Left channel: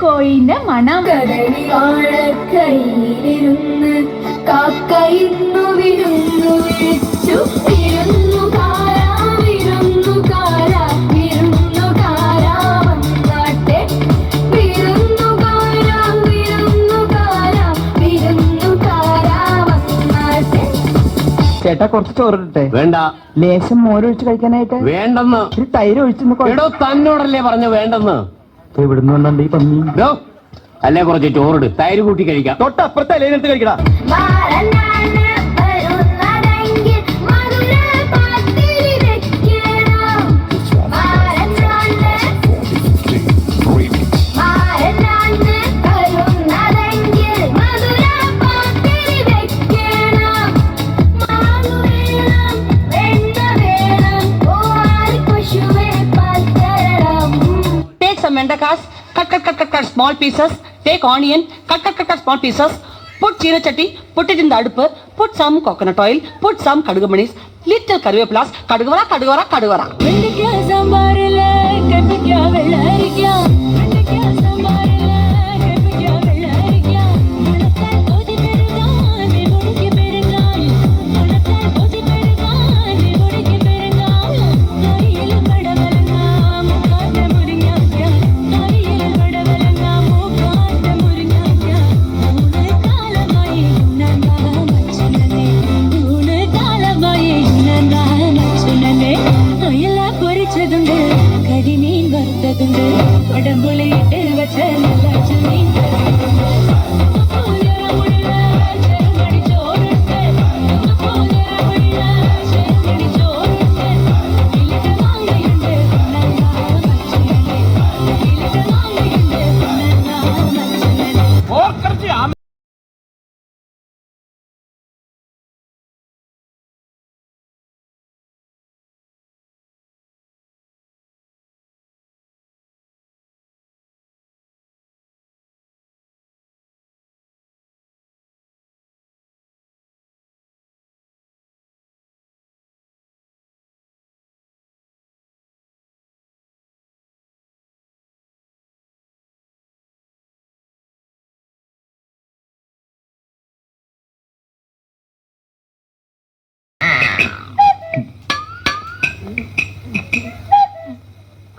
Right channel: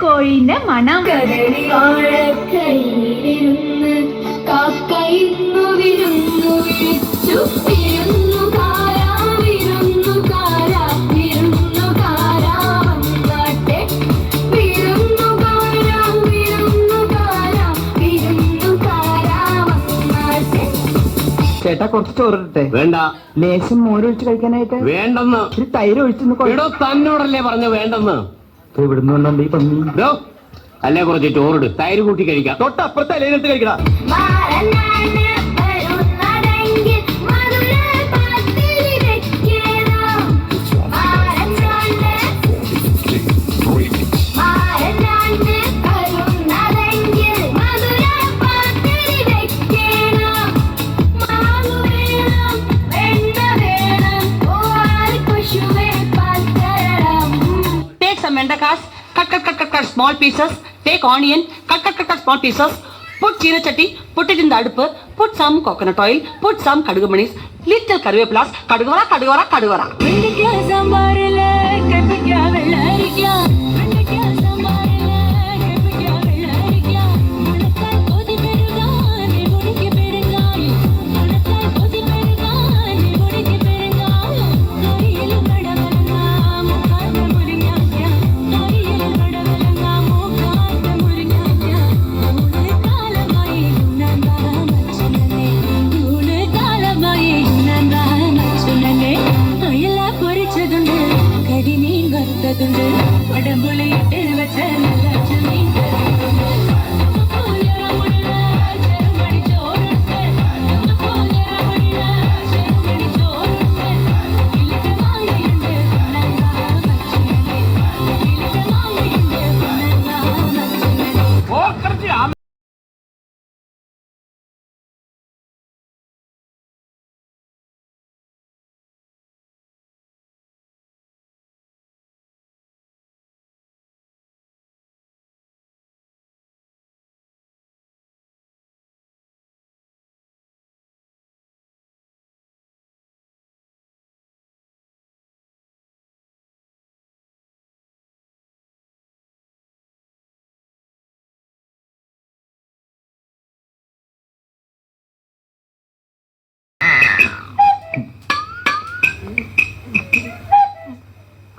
കോഴിന്റെ മണം കരളിവാഴക്കൈയിലിരുന്ന് കാക്കയിന്നു വിരുന്നു വിളിച്ചു വിരുന്നുകാരാ വിരുന്നുകാരാ വിരുന്നുകാരാ വന്നാട്ടെ വിരുന്നുകാരാ വിരുന്നുകാരാ വിരുന്നുകാരാ വന്നാട്ടെ. ചേട്ടാ കുറച്ച് ചോറിട്ടെ. വേണ്ട. ലേശം മോരൊഴിച്ച് കഴിക്കാനായിട്ട് വേണ്ടെന്ന്. ഒരു തൈര് ഒഴിച്ചെന്ന് തന്നോടല്ലേ പറഞ്ഞു വേണ്ടെന്ന്. ഇവിടുന്ന് ഈ പന്നി അല്ലേ കുറച്ച് ചോറിട്, തൈര് കൂട്ടി കഴിക്കാം. തൊട്ടപ്പുറത്തെ അല്ലേനെടുത്ത് കഴിക്കടാ. Cut small pieces. Take onion. Cut small pieces. Put jeera chatti. Put it in the adupu. Put some coconut oil. Put some kadugumanis. Little karvepulas. Kadugavara. വെണ്ടയ്ക്ക സാമ്പാറില് കയ്പയ്ക്ക വെള്ളരിക്ക. വെണ്ടയ്ക്ക സാമ്പാറില് കയ്പയ്ക്ക വെള്ളരിക്ക. മുളച്ചാൽ കൊതി പെരുകാൻ മുടിക്ക് പെരുകാൻ. മുളച്ചാൽ കൊതി പെരുകാൻ മുടിക്ക് പെരുകാൻ. കറിയിൽ കടവലങ്ങ മൂക്കാത്ത മുരിങ്ങാക്ക. കറിയിൽ കടവലങ്ങ മൂക്കാത്ത മുരിങ്ങാക്ക. ഊണ് കാലമായി ഉണ്ണാ മച്ചുനനെ. ഊണ് കാലമായി ഉണ്ണാ മച്ചുനനെ. അയല പൊരിച്ചതുണ്ട്, കരിമീൻ വറുത്തതുണ്ട്, വടംപുളിയിട്ട് വെച്ച നല്ല ചെമ്മീൻ കറിയുണ്ട്. ചെറുമണി ചോറുണ്ട്, ചെറുമണി ചോറുണ്ട്. ഇലക്ക് മാങ്ങയുണ്ട്, ഉണ്ണാ മച്ചുനനെ. ഇലക്ക് മാങ്ങയുണ്ട്, ഉണ്ണാ മച്ചുനനെ.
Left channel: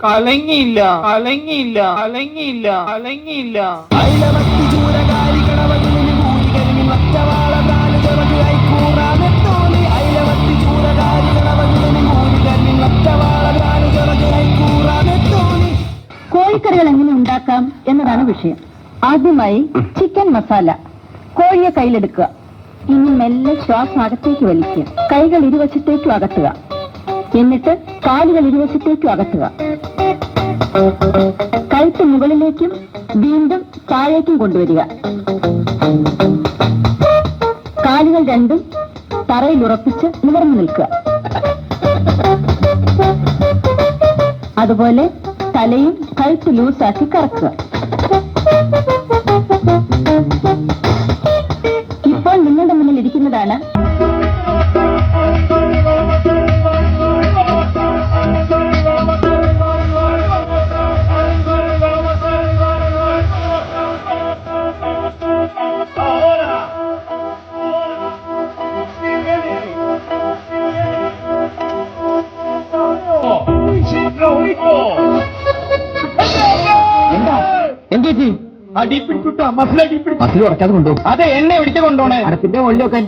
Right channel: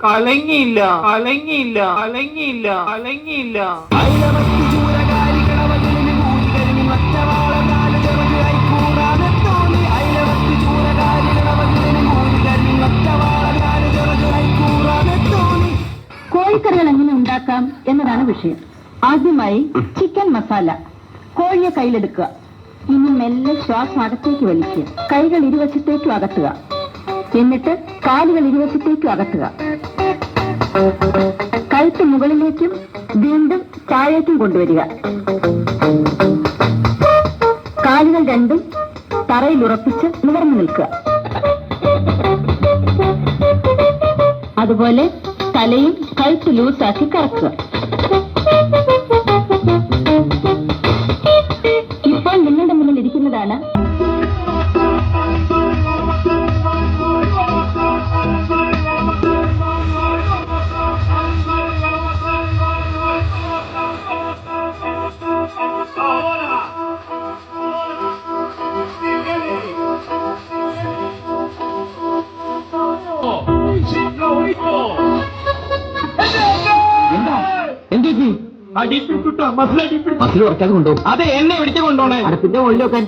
കലങ്ങിയില്ല. കോഴിക്കറികൾ എങ്ങനെ ഉണ്ടാക്കാം എന്നതാണ് വിഷയം. ആദ്യമായി ചിക്കൻ മസാല. കോഴിയെ കയ്യിലെടുക്കുക. ഇനി മെല്ലെ ശ്വാസം അകത്തേക്ക് വലിക്കുക. കൈകൾ ഇരുവശത്തേക്കും അകത്തുക. എന്നിട്ട് കാലുകൾ ഇരുവശത്തേക്കും അകത്തുക. കഴുത്ത് മുകളിലേക്കും വീണ്ടും താഴേക്കും കൊണ്ടുവരിക. കാലുകൾ രണ്ടും തറയിൽ ഉറപ്പിച്ച് നിവർന്നു നിൽക്കുക. അതുപോലെ തലയും കഴുത്ത് ലൂസാക്കി കറക്കുക. ഇപ്പോൾ നിങ്ങളുടെ മുന്നിൽ ഇരിക്കുന്നതാണ് മസിൽ ഉറക്കാതെ കൊണ്ടുപോകും. അതെ, എന്നെ വിളിച്ചു കൊണ്ടോണേ. പിന്നെ മുകളിൽ വെക്കാൻ